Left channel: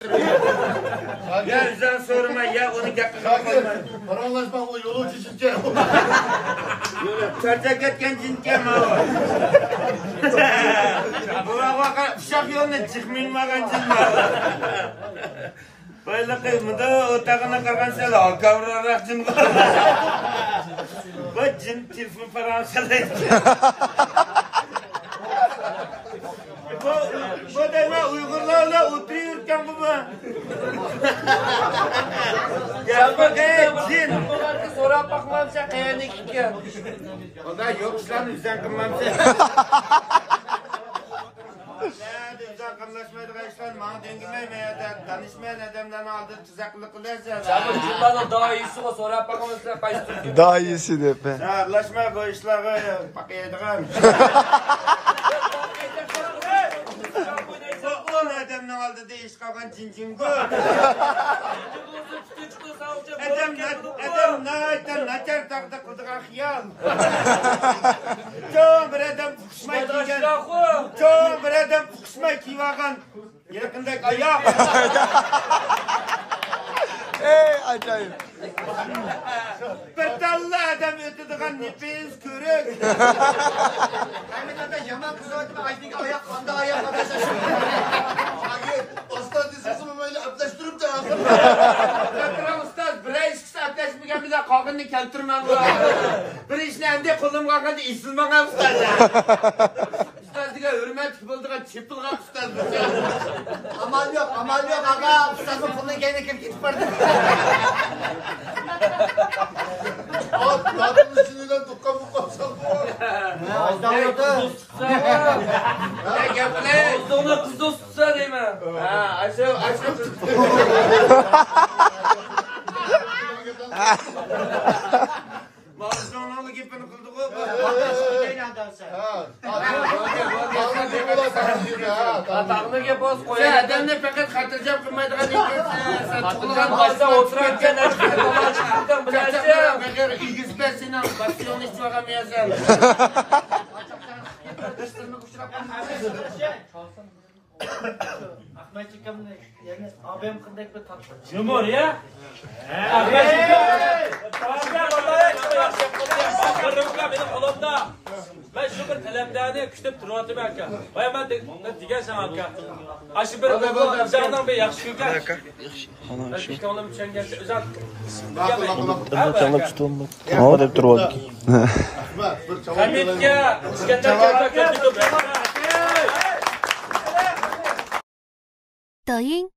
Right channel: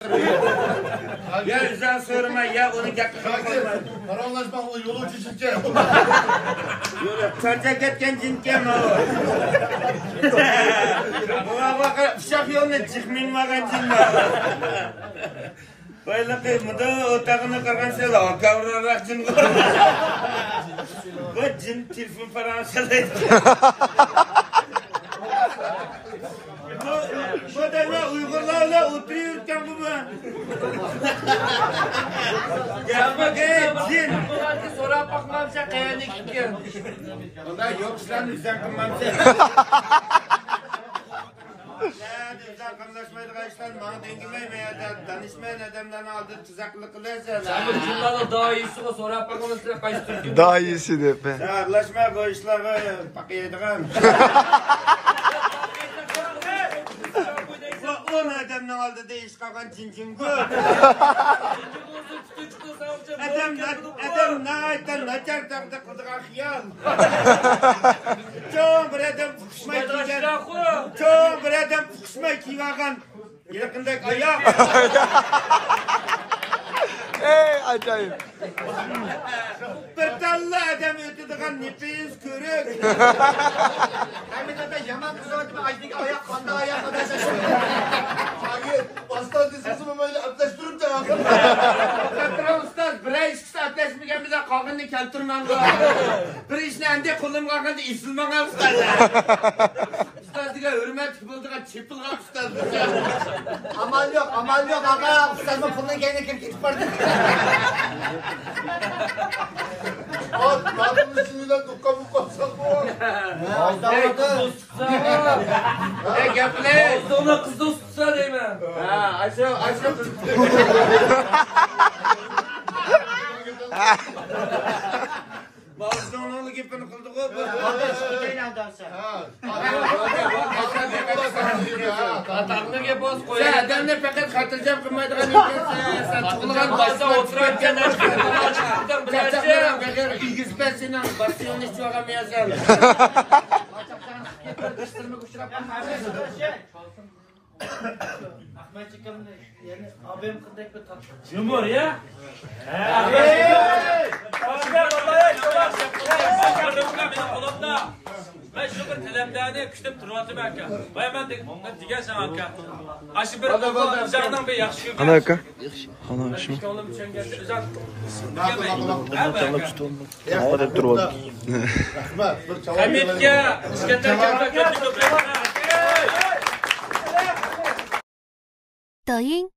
Ya bizden sorma ya onu dakika kalma. Paranlaşma o yolu çizilce. Çarçak etken cinke mi o? Bak uşak yoluna çıkmayın makan cinme. Böyle kıymada otağına kargan sel kavrarak cin kalma. Bu cin telefon Fransa'daydı. Bu da Uygurlarla oturuyorken bu ben. Gel bakayım cin. Sonra bakmamsa kayanı gidiyor. O da yok sen üzden kılmamsa. Düzden kımlaşmaydı kaçtan bana dengimeye danışmayan adamdan aldı tuzaklı kılıyorsan. Abi bundan daha iyisi var sonra bakmamsa kaçtı. Daha iyisi de be. Arlaşma bu işleri bakıyordum. On adamdan aldı da iş kakan cincin gül. Adam naçar takdı kıldığa hiyal. Çoğun bir adam fıkışmayı kiygen. Çoğun bir adam fıkışmayı kiyvagan. Yakındaki ayak. Ey acayip. Bir tallı adam ötüdüğün nefes körük. Hem de yaman kız öğretimi Ayşe'nin ayak kanda ayak kadar. Aslan dizisi böyle abdest durup da alsın. Patron ustaz bir iş kısa abdestmigen bize kavgını keltirmen var. Bir işini ende kulum kalkınca isilmen ustaz. Ustaz diye hürmet bulduğun çipil kal ustaz. Amal yok ama ustamın puluna gene kim gidip vardı. Bak kadının üstünden dukka mukka sapıyor. Gel play. Sonra kız da tutsa değil mi? Aşağı. Mazlum oğlu gibi kıldık o. Atağını gibi boz Sen koyalım. adamla fakat hatırcam kılmaydıgan ekan. Sen tuğulgan Başta başına oturarken çıkarken. Kaçaklara bakar ilgizbesinden basyon hiç vakamıyasın. Ahmet çıkamdı. Yani abim kındak bir tatlı. Cumhur ya. Ben şu bir kalemdane küçük turvatı belki. Ve ben de diğer sana bakar. Aşı bir üzerinden bir yakışık. Ana aka. İşte onun için özel. O da turvalki. Ahmet bir çaval Hamit ya. İskender 抖音。